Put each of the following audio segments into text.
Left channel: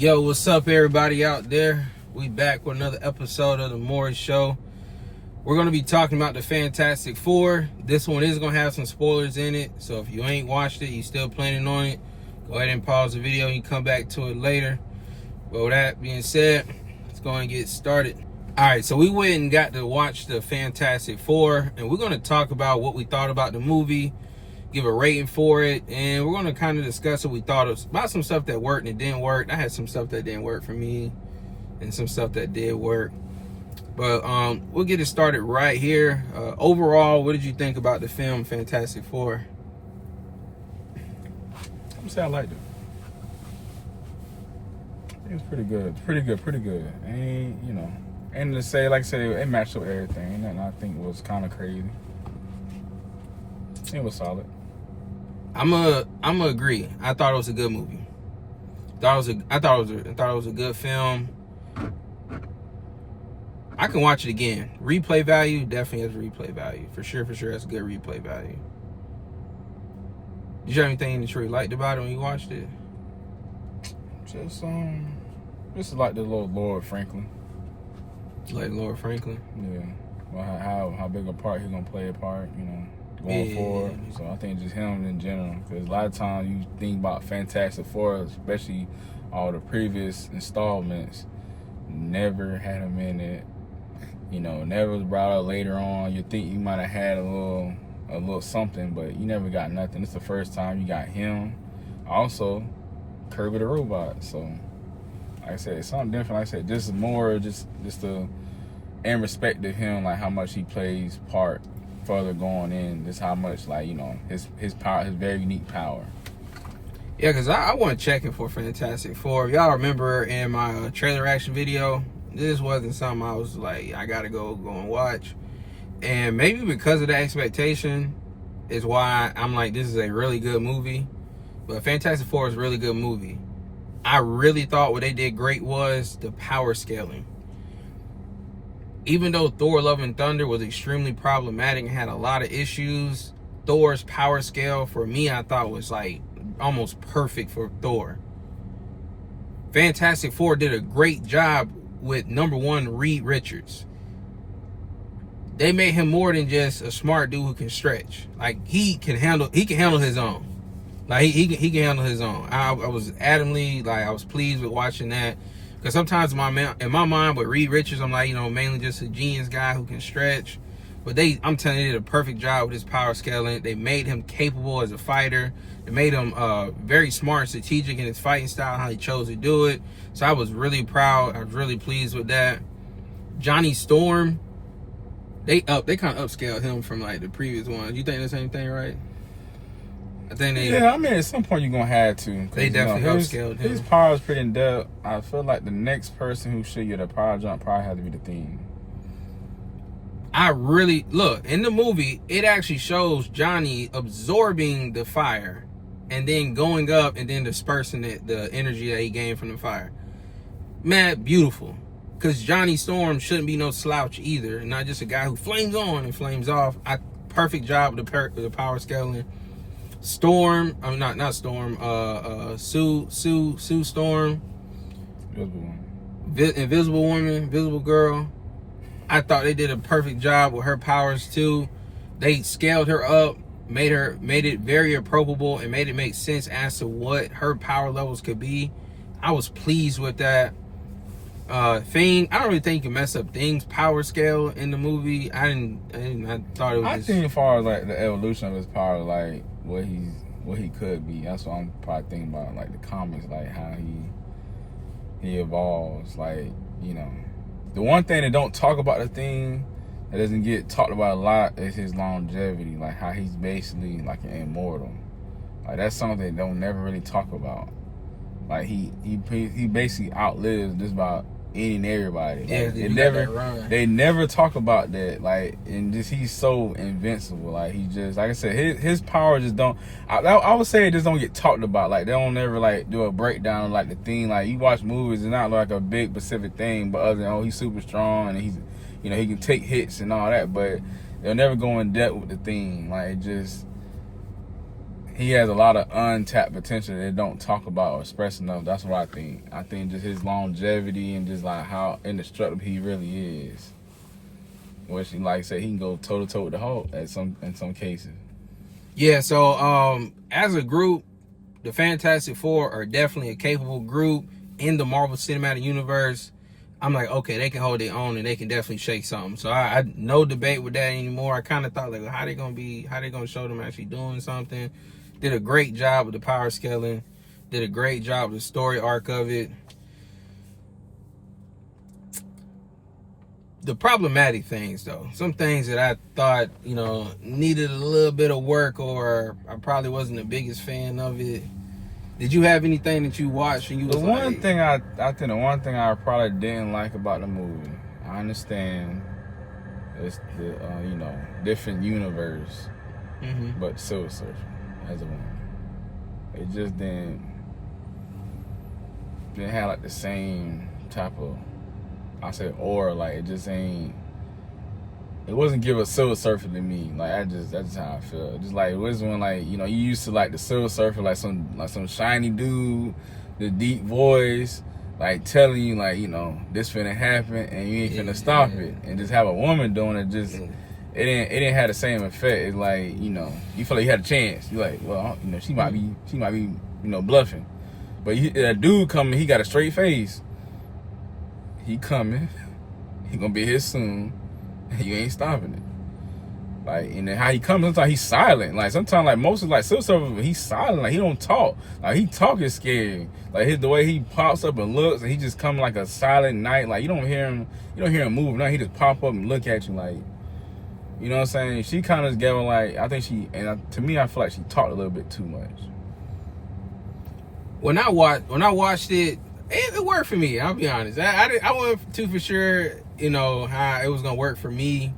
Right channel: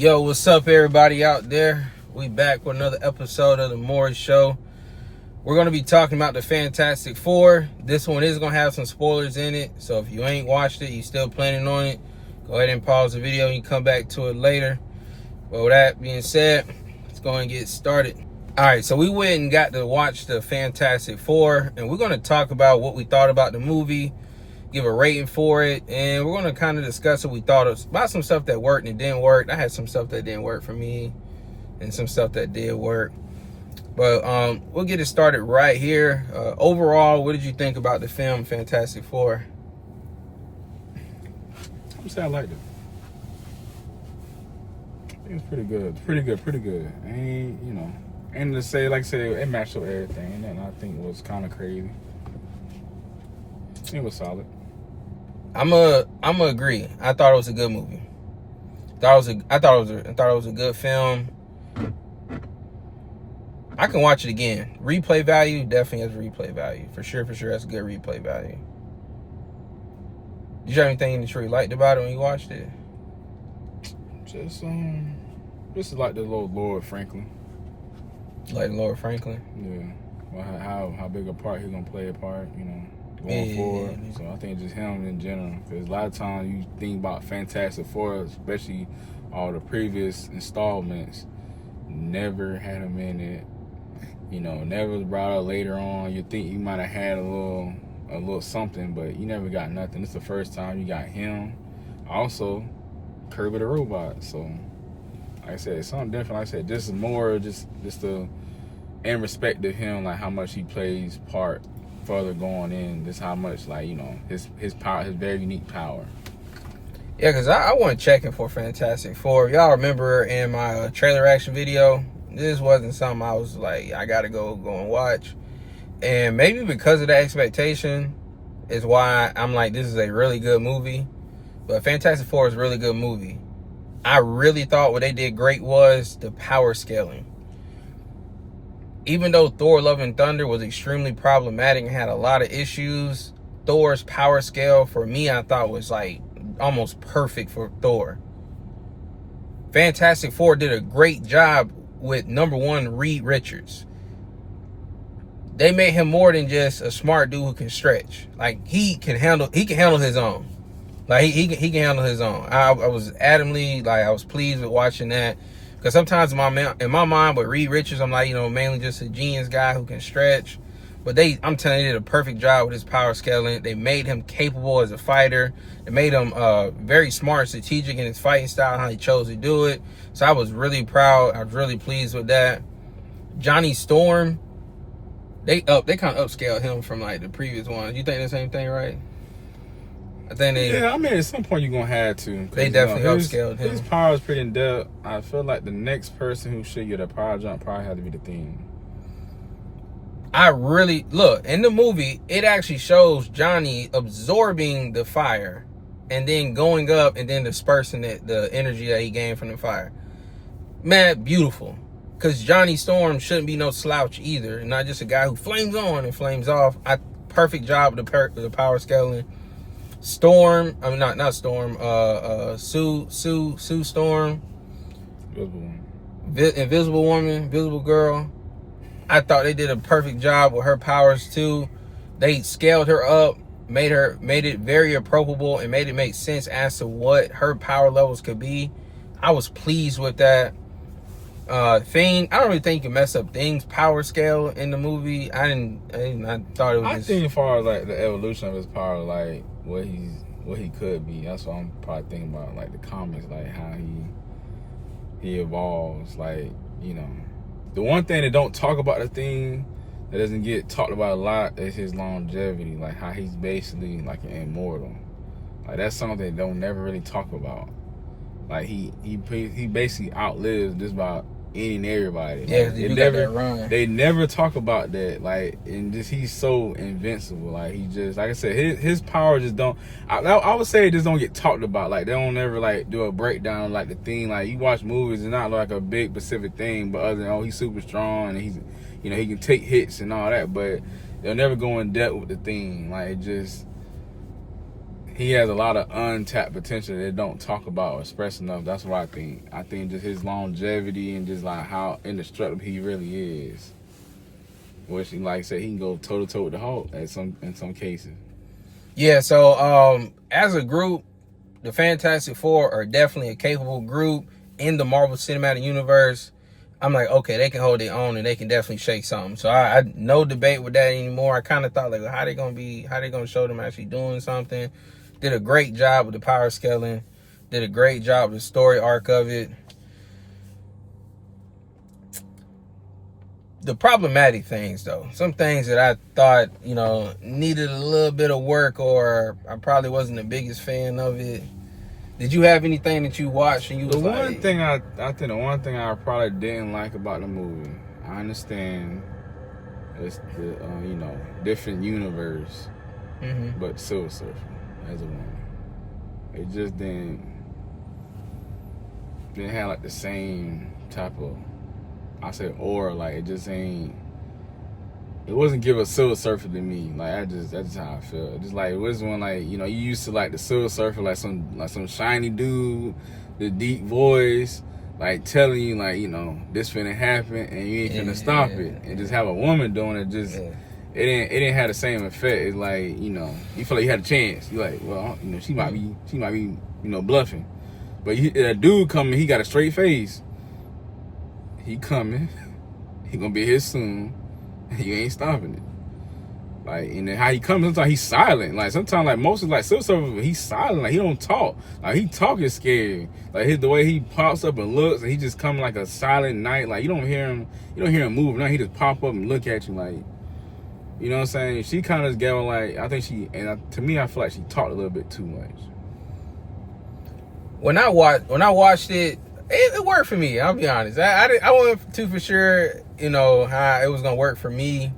Yo, what's up, everybody out there? We back with another episode of the Maury Show. We're going to be talking about the Fantastic Four. This one is going to have some spoilers in it, so if you ain't watched it, you still planning on it, go ahead and pause the video and you come back to it later. But with that being said, let's go and get started. Alright, so we went and got to watch the Fantastic Four, and we're going to talk about what we thought about the movie, give a rating for it, and we're going to kind of discuss what we thought about some stuff that worked and didn't work. I had some stuff that didn't work for me and some stuff that did work. But we'll get it started right here. Overall, what did you think about the film Fantastic Four? I would say I liked it. It was pretty good. Pretty good. And to say, like I said, it matched up everything. And nothing I think was kind of crazy. It was solid. I'm agree. I thought it was a good movie. I thought it was a good film. I can watch it again. Replay value definitely has replay value for sure. That's good replay value. Did you have anything that you really liked about it when you watched it? Just like the little Lord Franklin. Like Lord Franklin? Yeah. Well, how big a part he's gonna play a part, going forward. So I think just him in general. Because a lot of times you think about Fantastic Four, especially all the previous installments, never had him in it. Never was brought up later on. You think you might have had a little something, but you never got nothing. It's the first time you got him. Also, Kirby the Robot. So, like I said, it's something different. Like I said, this is more just in respect to him, like how much he plays part further going in. Just how much, his power, his very unique power. Yeah, because I want to check in for Fantastic Four. Y'all remember in my trailer reaction video, this wasn't something I was like, I got to go and watch. And maybe because of the expectation is why I'm like, this is a really good movie. But Fantastic Four is a really good movie. I really thought what they did great was the power scaling. Even though Thor Love and Thunder was extremely problematic and had a lot of issues, Thor's power scale for me, I thought was like almost perfect for Thor. Fantastic Four did a great job with number one, Reed Richards. They made him more than just a smart dude who can stretch. Like he can handle his own. Like he can handle his own. I was I was pleased with watching that. Because sometimes in my mind with Reed Richards, I'm like, mainly just a genius guy who can stretch. But I'm telling you, they did a perfect job with his power scaling. They made him capable as a fighter. They made him very smart, strategic in his fighting style, how he chose to do it. So I was really proud. I was really pleased with that. Johnny Storm, they kind of upscaled him from like the previous one. You think the same thing, right? I think they. Yeah, I mean, at some point you're gonna have to. They definitely upscaled him. His power is pretty in depth. I feel like the next person who should get a power jump probably had to be the Thing. Look, in the movie, it actually shows Johnny absorbing the fire and then going up and then dispersing the energy that he gained from the fire. Man, beautiful. Because Johnny Storm shouldn't be no slouch either. Not just a guy who flames on and flames off. Perfect job with the power scaling. Storm, I mean, not Storm, Sue Storm. Invisible Woman, Invisible Girl. I thought they did a perfect job with her powers too. They scaled her up, made it very approachable, and made it make sense as to what her power levels could be. I was pleased with that. Thing, I don't really think you can mess up Thing's power scale in the movie. I thought it was. I think as far as like the evolution of his power, like what he could be. That's what I'm probably thinking about, like the comics, like how he evolves, like The one thing that don't talk about the Thing, that doesn't get talked about a lot, is his longevity. Like how he's basically like an immortal. Like that's something they don't never really talk about. Like he basically outlives just about any and everybody. Like, they never talk about that. Like, and just he's so invincible. Like he just, like I said, his power just don't. I would say it just don't get talked about. Like they don't ever like do a breakdown of, like the Thing. Like you watch movies, it's not like a big specific thing, but other than he's super strong and he's he can take hits and all that. But they'll never go in depth with the Thing. Like it just he has a lot of untapped potential that they don't talk about or express enough. That's what I think. I think just his longevity and just like how indestructible he really is. Which, like I said, he can go toe to toe with the Hulk in some cases. Yeah. So as a group, the Fantastic Four are definitely a capable group in the Marvel Cinematic Universe. I'm like, okay, they can hold their own and they can definitely shake something. So I no debate with that anymore. I kind of thought like, how they gonna show them actually doing something. Did a great job with the power scaling. Did a great job with the story arc of it. The problematic things though, some things that I thought, needed a little bit of work, or I probably wasn't the biggest fan of it. Did you have anything that you watched and you was I think the one thing I probably didn't like about the movie, I understand it's the different universe, but Silver Surfer as a woman, it just didn't have like the same type of, I said aura, like it just ain't. It wasn't give a Silver Surfer to me. Like that's just how I feel. Just like it was when like you used to like the Silver Surfer like some shiny dude, the deep voice, like telling you like this finna happen and you ain't finna stop it. And just have a woman doing it, just it didn't have the same effect. It's like you feel like you had a chance. You like well she might be bluffing, but that dude coming, he got a straight face. He coming, he gonna be here soon. You ain't stopping it. Like, and then how he comes, sometimes he's silent. Like, sometimes, like, most of, like, Silver Surfer, he's silent. Like, he don't talk. Like, he talking scary. Like, the way he pops up and looks, and he just come like a silent night. Like, you don't hear him moving. No, he just pop up and look at you, like, you know what I'm saying? She kind of gave, like, I think to me, I feel like she talked a little bit too much. When I watched it, it worked for me. I'll be honest. I wasn't too for sure, how it was gonna work for me.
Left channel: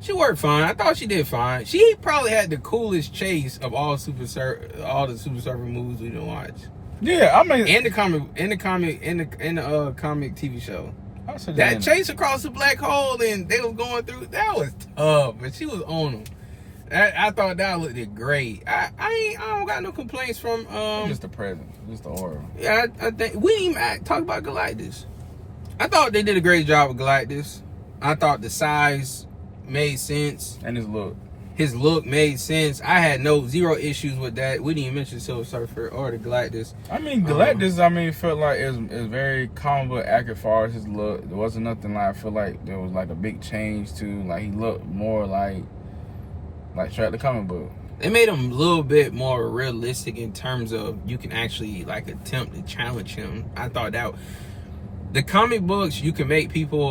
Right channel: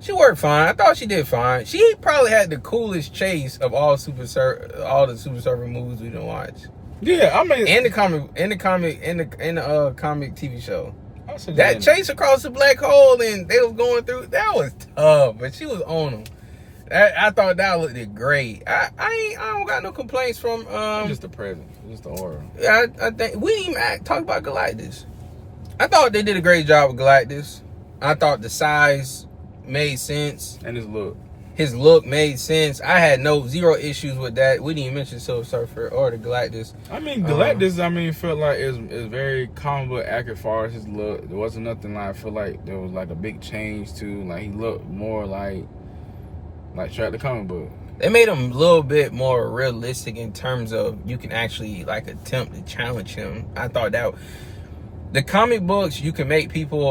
She worked fine. I thought she did fine. She probably had the coolest chase of all the Super Surfer movies we didn't watch. Yeah, I mean, in the comic TV show. That chase across the black hole and they was going through, that was tough, but she was on them. I thought that looked great. I don't got no complaints from just the presence, just the aura. I think we didn't even talk about Galactus. I thought they did a great job with Galactus. I thought the size made sense. And his look made sense. I had zero issues with that. We didn't even mention Silver Surfer or the Galactus. I mean, Galactus, felt like it was very comic book accurate as far as his look. There wasn't nothing like, I feel like there was like a big change to, like he looked more like straight the comic book. They made him a little bit more realistic in terms of you can actually like attempt to challenge him. I thought that the comic books, you can make people,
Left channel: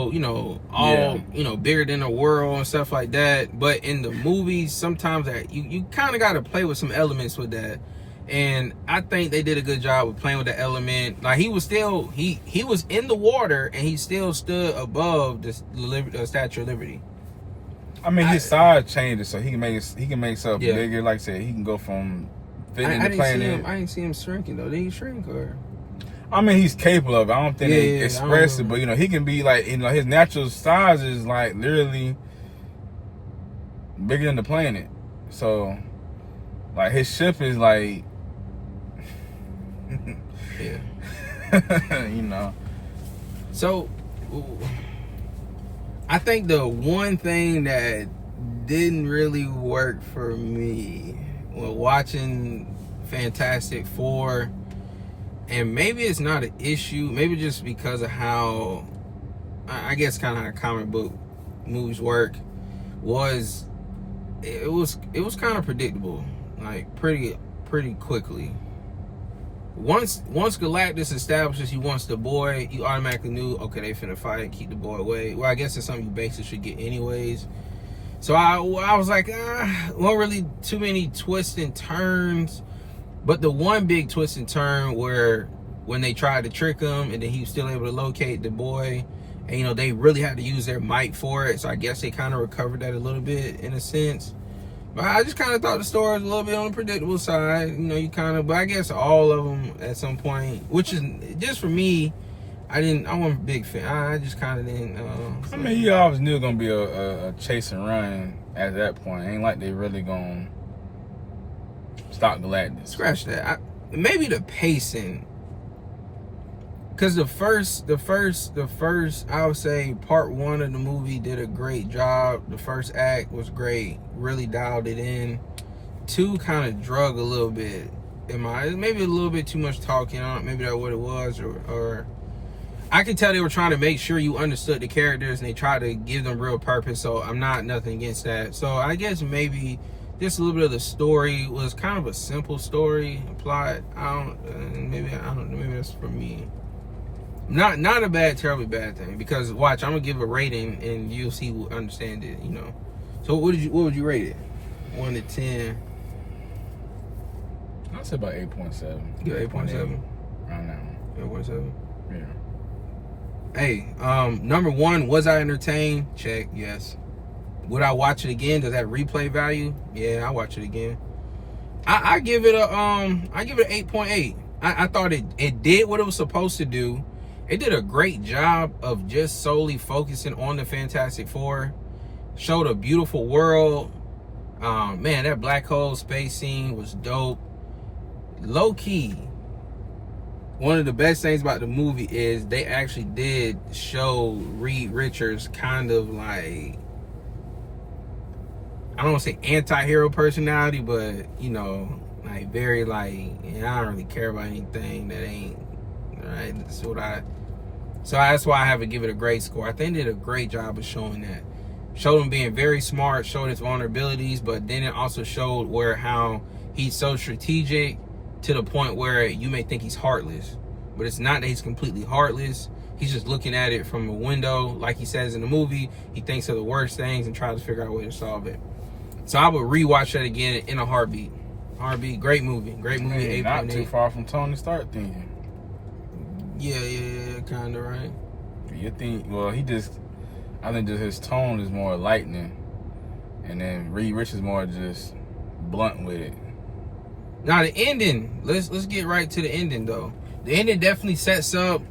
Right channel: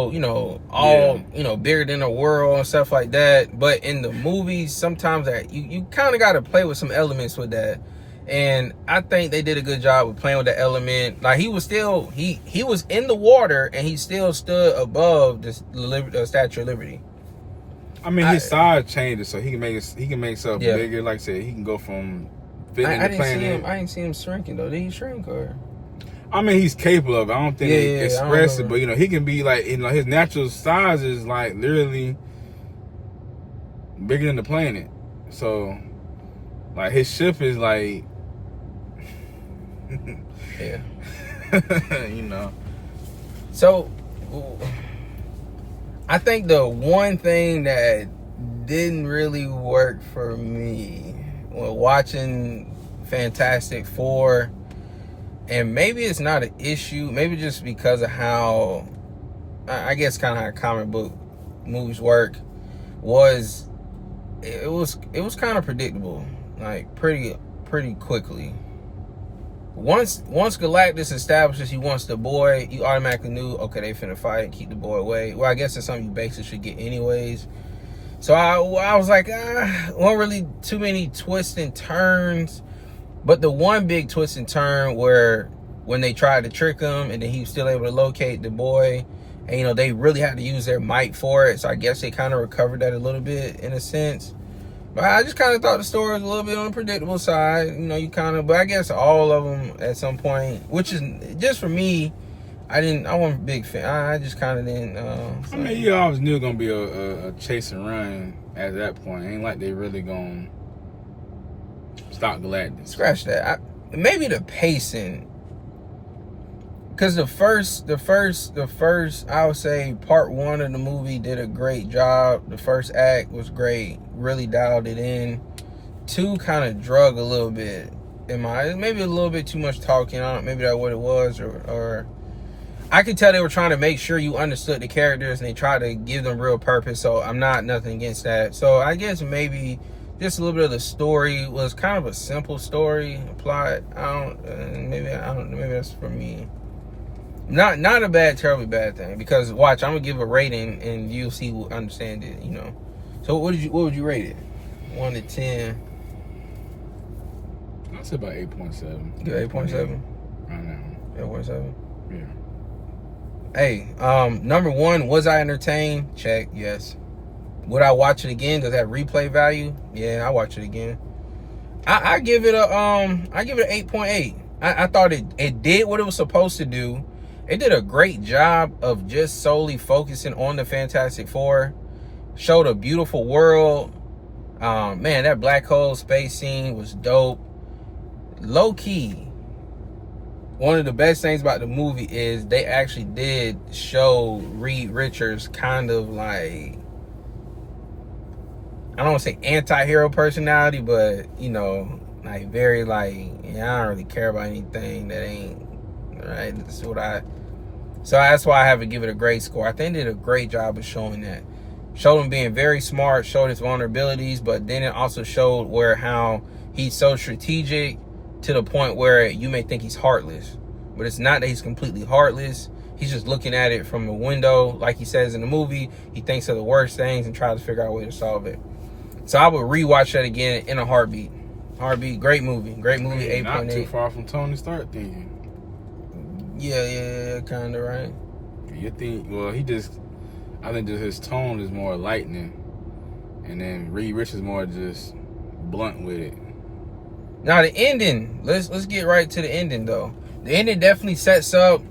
all bigger than the world and stuff like that. But in the movies, sometimes that you kind of got to play with some elements with that. And I think they did a good job of playing with the element. Like he was still, he was in the water and he still stood above the Statue of Liberty. I mean, his size changes, so he can make himself bigger. Like I said, he can go from fitting the planet. I didn't see him shrinking though. Did he shrink or? I mean, he's capable of it. I don't think they express it, but he can be like, his natural size is like literally bigger than the planet. So, like his ship is like, So, I think the one thing that didn't really work for me when watching Fantastic Four, and maybe it's not an issue, maybe just because of how, I guess kind of how comic book movies work, was it was kind of predictable, like pretty quickly. Once Galactus establishes he wants the boy, you automatically knew, okay, they finna fight, keep the boy away. Well, I guess it's something you basically should get anyways. So I was like, wasn't really too many twists and turns. But the one big twist and turn where when they tried to trick him and then he was still able to locate the boy, and they really had to use their might for it. So I guess they kind of recovered that a little bit in a sense. But I just kind of thought the story was a little bit on the predictable side. But I guess all of them at some point, which is just for me, I wasn't a big fan. I just kind of didn't. I mean, you always knew it was gonna be a chase and run at that point. Ain't like they really gonna stop Galactus. Scratch that. Maybe the pacing. Because the first, I would say part 1 of the movie did a great job. The first act was great. Really dialed it in. 2 kind of drug a little bit. Maybe a little bit too much talking. Maybe that's what it was. Or I could tell they were trying to make sure you understood the characters and they tried to give them real purpose. So I'm not nothing against that. So I guess maybe just a little bit of the story was kind of a simple story. Plot. Maybe that's for me. Not a bad, terribly bad thing. Because watch, I'm gonna give a rating and you'll see who understand it. So what would you rate it? 1 to 10. I'd say about 8.7. Good, 8.7. Around that one. 8.7. Yeah. Hey, number 1, was I entertained? Check, yes. Would I watch it again? Does that replay value? Yeah, I watch it again. I give it a 8.8. I thought it did what it was supposed to do. It did a great job of just solely focusing on the Fantastic Four. Showed a beautiful world. Man, that black hole space scene was dope. Low key, one of the best things about the movie is they actually did show Reed Richards kind of like, I don't want to say anti-hero personality, but like very like, I don't really care about anything that ain't right. So that's why I have to give it a great score. I think they did a great job of showing that. Showed him being very smart, showed his vulnerabilities, but then it also showed how he's so strategic to the point where you may think he's heartless. But it's not that he's completely heartless. He's just looking at it from a window. Like he says in the movie, he thinks of the worst things and tries to figure out a way to solve it. So I would rewatch that again in a heartbeat. Great movie. Great movie. 8.8. Not too far from Tony Stark thinking. Yeah, kind of, right? You think, I think just his tone is more lightning. And then Reed Richards more just blunt with it. Now the ending, let's get right to the ending though. The ending definitely sets up,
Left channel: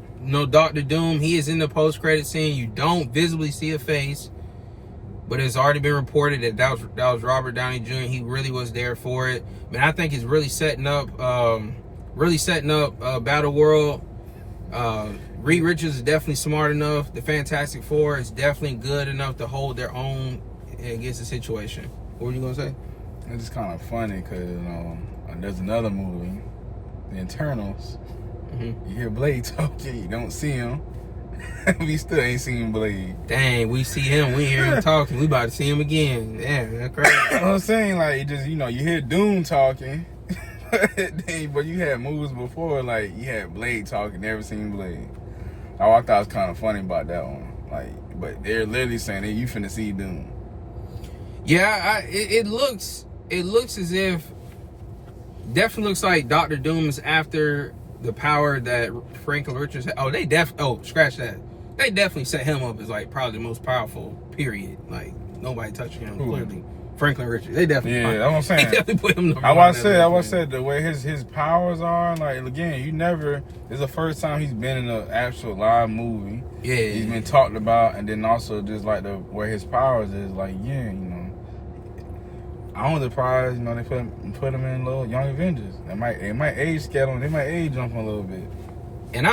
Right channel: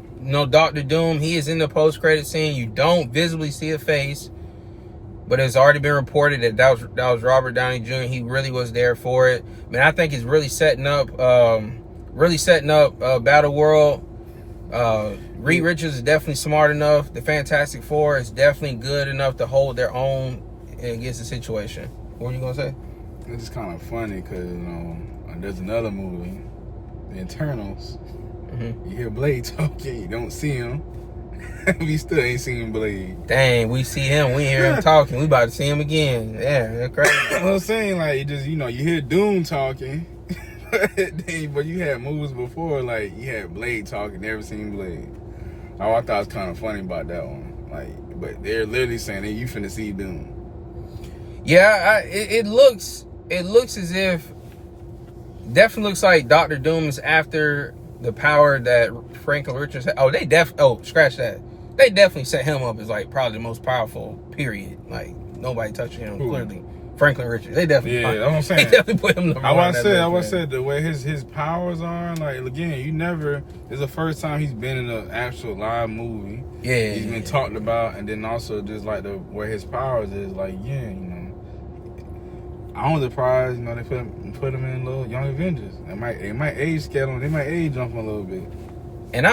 Dr. Doom. He is in the post-credit scene. You don't visibly see a face, but it's already been reported that was Robert Downey Jr. He really was there for it. Man, I think it's really setting up Battle World. Reed Richards is definitely smart enough. The Fantastic Four is definitely good enough to hold their own against the situation. What were you gonna say? It's just kind of funny because there's another movie, The Internals. Mm-hmm. You hear Blade talking, you don't see him. We still ain't seen Blade. Dang, we see him, we hear him talking. We about to see him again. Yeah, that's crazy. I'm saying, like, just you hear Doom talking, but you had movies before, like you had Blade talking, never seen Blade. Oh, I thought it was kind of funny about that one. Like, but they're literally saying, "Hey, you finna see Doom." Yeah, it looks as if, definitely looks like Dr. Doom is after the power that Franklin Richards had. Scratch that. They definitely set him up as like probably the most powerful, period. Like nobody touching him. Clearly, Franklin Richards. They definitely. Yeah, that's what I'm saying. They definitely put him. I said the way his powers are. Like again, it's the first time he's been in an actual live movie. Yeah, he's been talked about, and then also just like the where his powers is. Like I'm surprised, they put him in little Young Avengers. They might age scale him. They might age jump him a little bit. And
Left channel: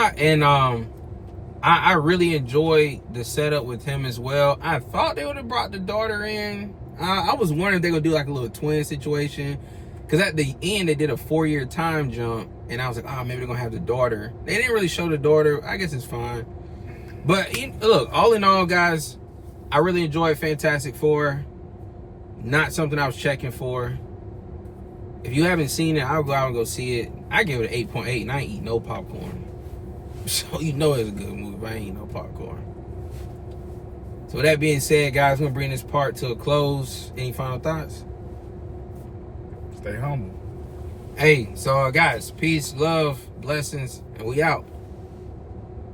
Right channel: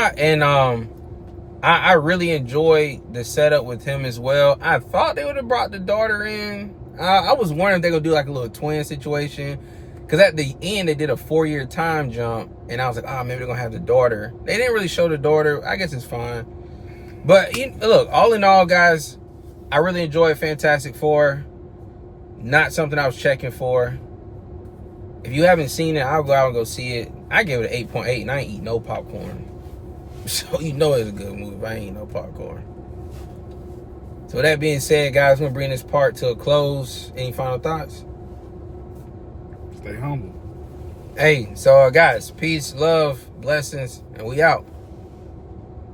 I really enjoyed the setup with him as well. I thought they would have brought the daughter in. I was wondering if they're gonna do like a little twin situation, because at the end they did a 4-year time jump, and I was like, maybe they're gonna have the daughter. They didn't really show the daughter. I guess it's fine. But look, all in all, guys, I really enjoyed Fantastic Four. Not something I was checking for. If you haven't seen it, I'll go out and go see it. I give it an 8.8, and I ain't eat no popcorn. So it's a good movie, but I ain't eat no popcorn. So with that being said, guys, I'm going to bring this part to a close. Any final thoughts? Stay humble. Hey, so guys, peace, love, blessings, and we out.